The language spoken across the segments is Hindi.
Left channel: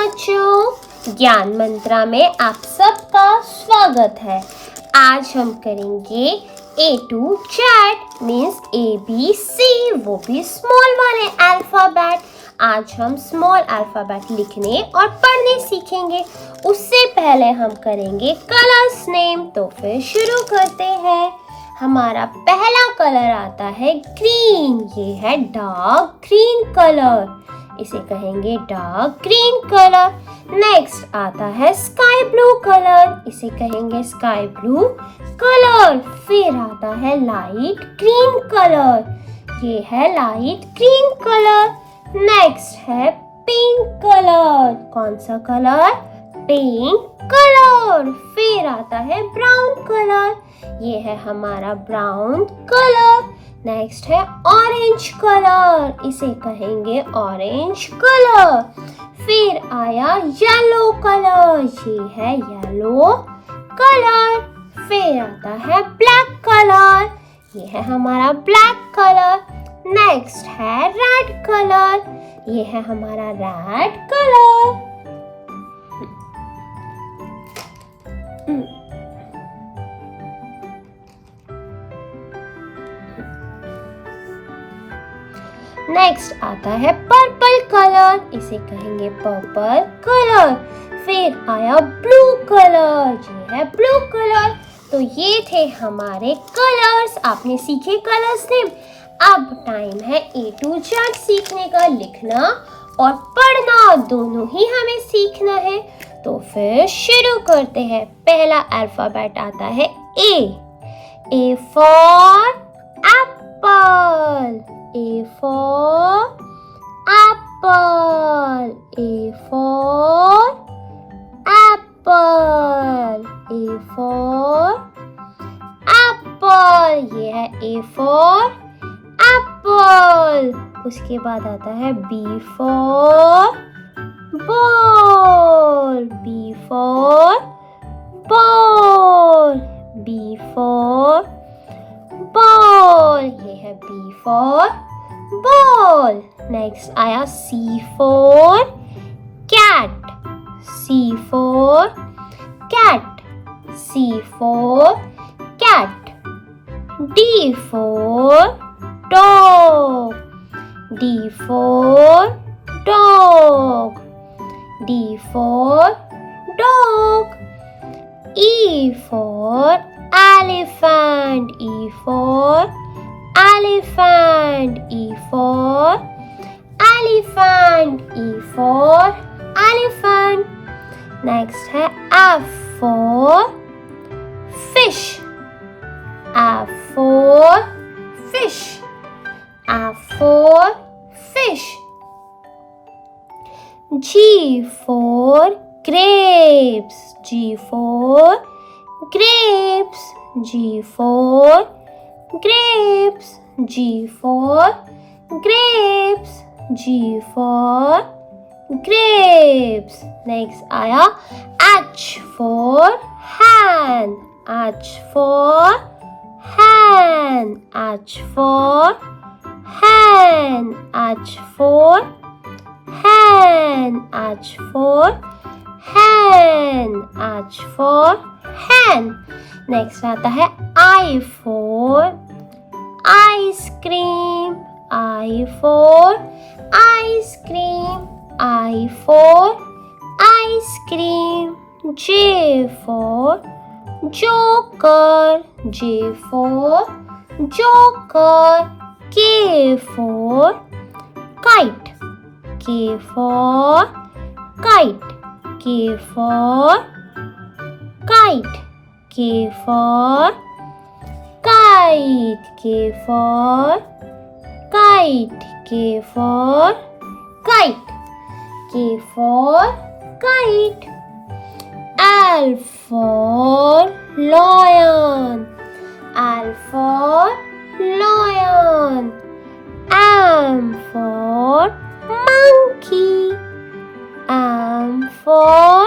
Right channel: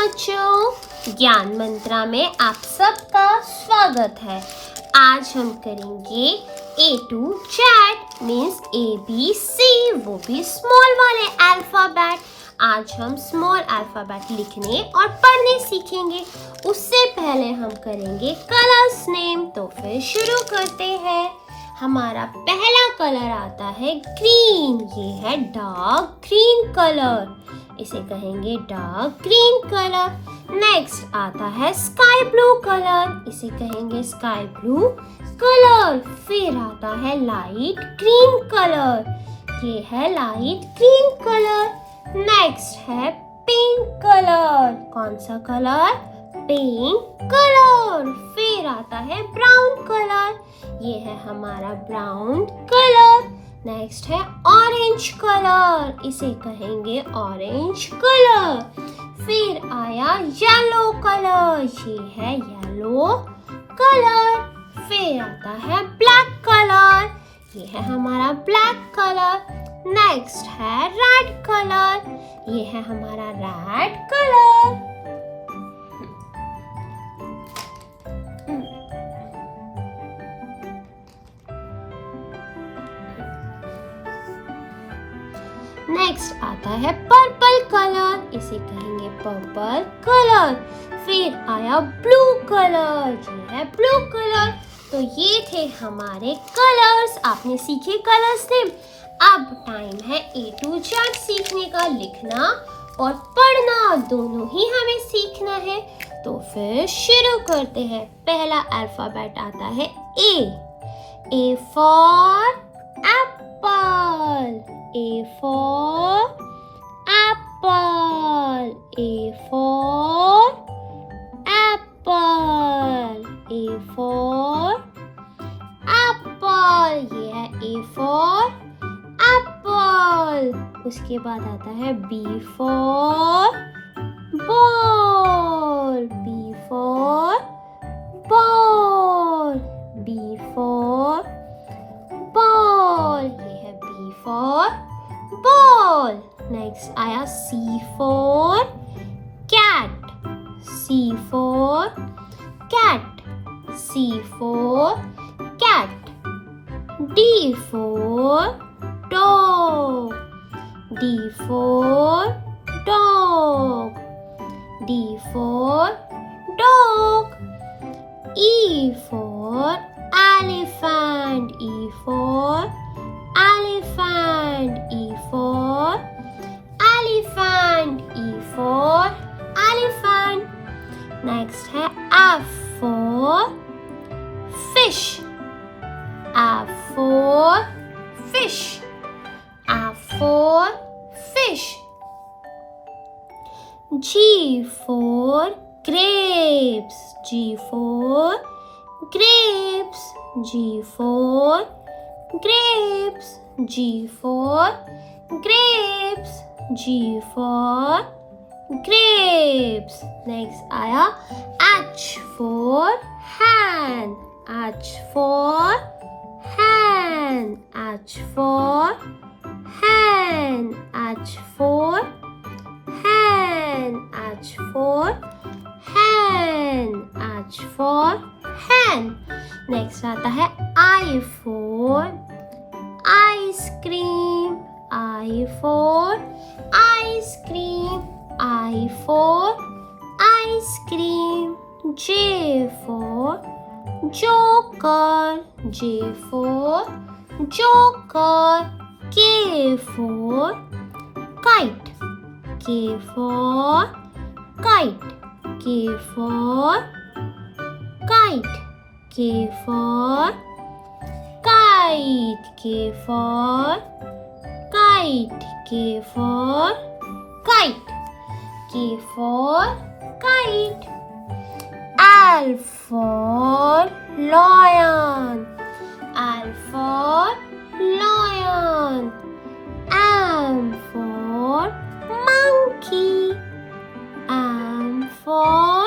बच्चों, ज्ञान मंत्रा में आप सबका स्वागत है। आज हम करेंगे A to Z means ABC, वो भी स्मॉल वाले अल्फाबेट। आज हम स्मॉल अल्फाबेट लिखने और पढ़ने सीखेंगे। उससे पहले हम करेंगे कलर्स नेम। तो फिर शुरू करते हैं। हमारा पहला कलर आता है ग्रीन। ये है डार्क ग्रीन कलर, इसे कहेंगे डार्क ग्रीन कलर। नेक्स्ट आता है स्काई ब्लू कलर, इसे कहेंगे स्काई ब्लू कलर। फिर आता है लाइट ग्रीन कलर, ये है लाइट ग्रीन कलर। नेक्स्ट है पिंक कलर। कौन सा कलर? Pink colour. फिर आता है ब्राउन कलर, ये है हमारा ब्राउन कलर। नेक्स्ट है ऑरेंज कलर, इसे कहेंगे ऑरेंज कलर। फिर आया येलो कलर, ये है येलो कलर। फिर आता है ब्लैक कलर, ये है हमारा ब्लैक कलर। नेक्स्ट है रेड कलर, ये है हमारा रेड कलर। नेक्स्ट आता है पर्पल कलर, इसे कहेंगे पर्पल कलर। फिर आया ब्लू कलर, ये है ब्लू कलर। तो ये थे हमारे कलर्स। आपने सीखे कलर्स नेम। अब टाइम है A to Z सीखने का। लिखना और पढ़ना दोनों ही हमें सीखना है। तो फिर शुरू करते हैं। पहला अल्फाबेट आता है A। A for apple, A for apple, A for apple, A for apple। ये है A for apple। उसके बाद आता है B for ball, B for ball, B for ball। ये है B for ball। नेक्स्ट आया C for cat, C for cat, C for cat। D for dog, D for dog, D for dog। E for elephant, E for elephant, E for elephant, E for elephant। Next है F for fish, F for fish, F for fish। G for grapes, G for grapes, G for grapes, G for grapes, G for grapes। Next आया H for hand, H for hand, H for hand, H for hand, H for hand, H for hand। Next आता है I for ice cream, I for ice cream, I for ice cream। J for joker, J for joker। K for kite, K for kite, K for kite, K for kite, K for kite, K for kite, K for kite। L for lion, L for lion। M for monkey, M for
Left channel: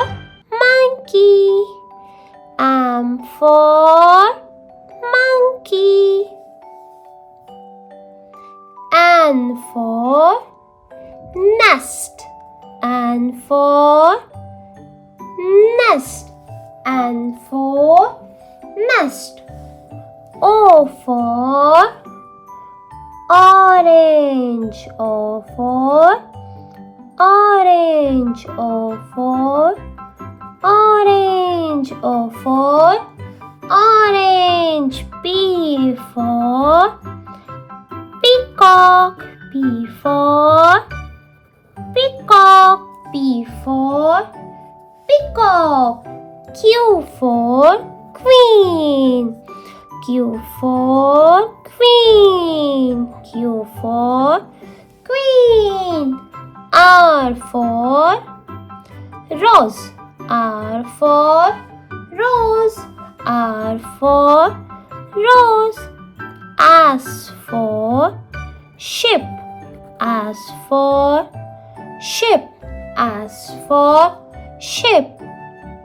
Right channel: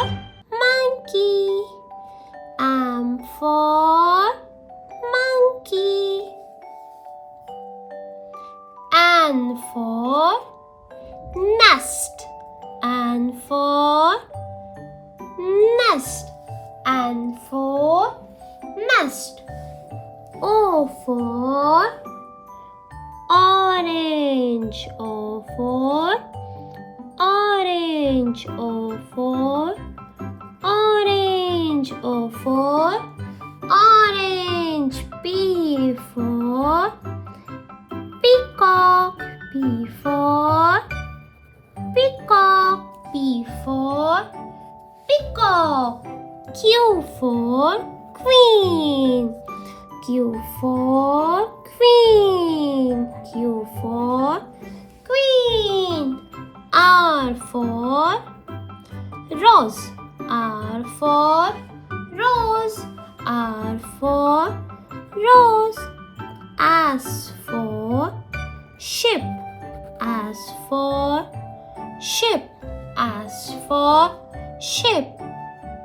monkey, M for monkey। N for nest, N for nest. N for nest. O for orange. O for orange. O for orange. O for orange. P for peacock. P for peacock. P for peacock. Q for queen. Q for queen. Q for queen. R for rose. R for rose. R for rose. S for ship. S for ship. S for ship.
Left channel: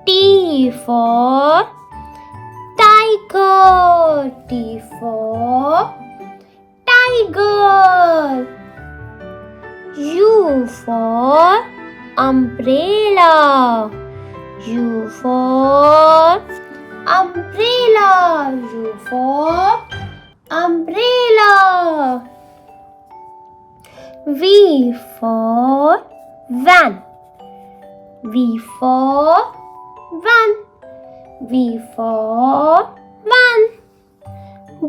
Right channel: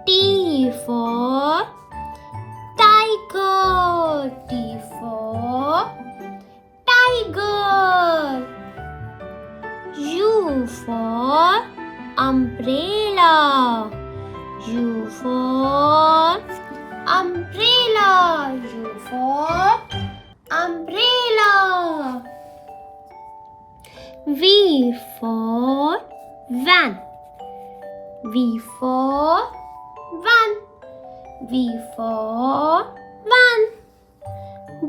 T for tiger. T for tiger. U for umbrella. U for umbrella. U for umbrella. V for van. V for van. V for van.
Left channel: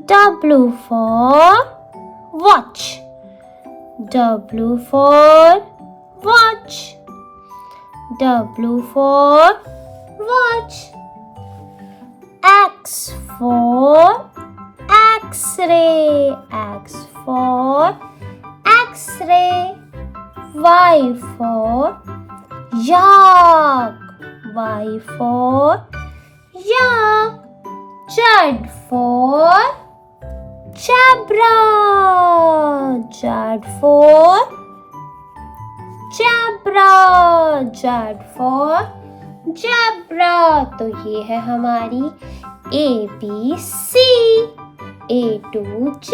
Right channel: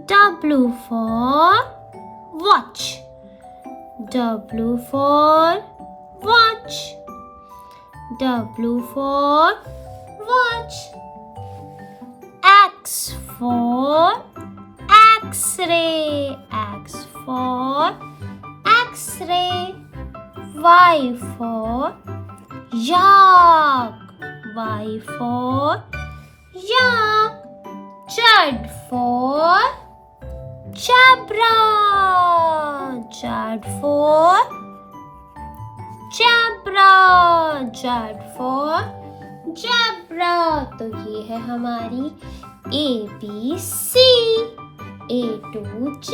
W for watch. W for watch. W for watch. X for X-ray. X for X-ray. Y for yak. Y for yak. Z for zebra. Z for zebra. Z for zebra. तो ये है हमारी ABC A to Z.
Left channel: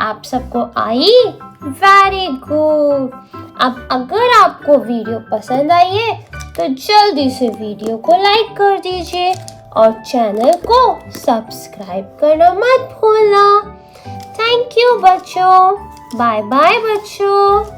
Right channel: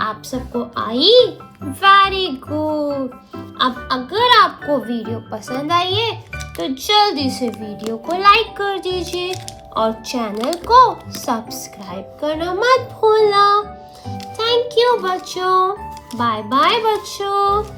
आप सबको आई? Very good. अब अगर आपको वीडियो पसंद आई है तो जल्दी से वीडियो को लाइक कर दीजिए और चैनल को सब्सक्राइब करना मत भूलना. थैंक यू बच्चों. बाय बाय बच्चों.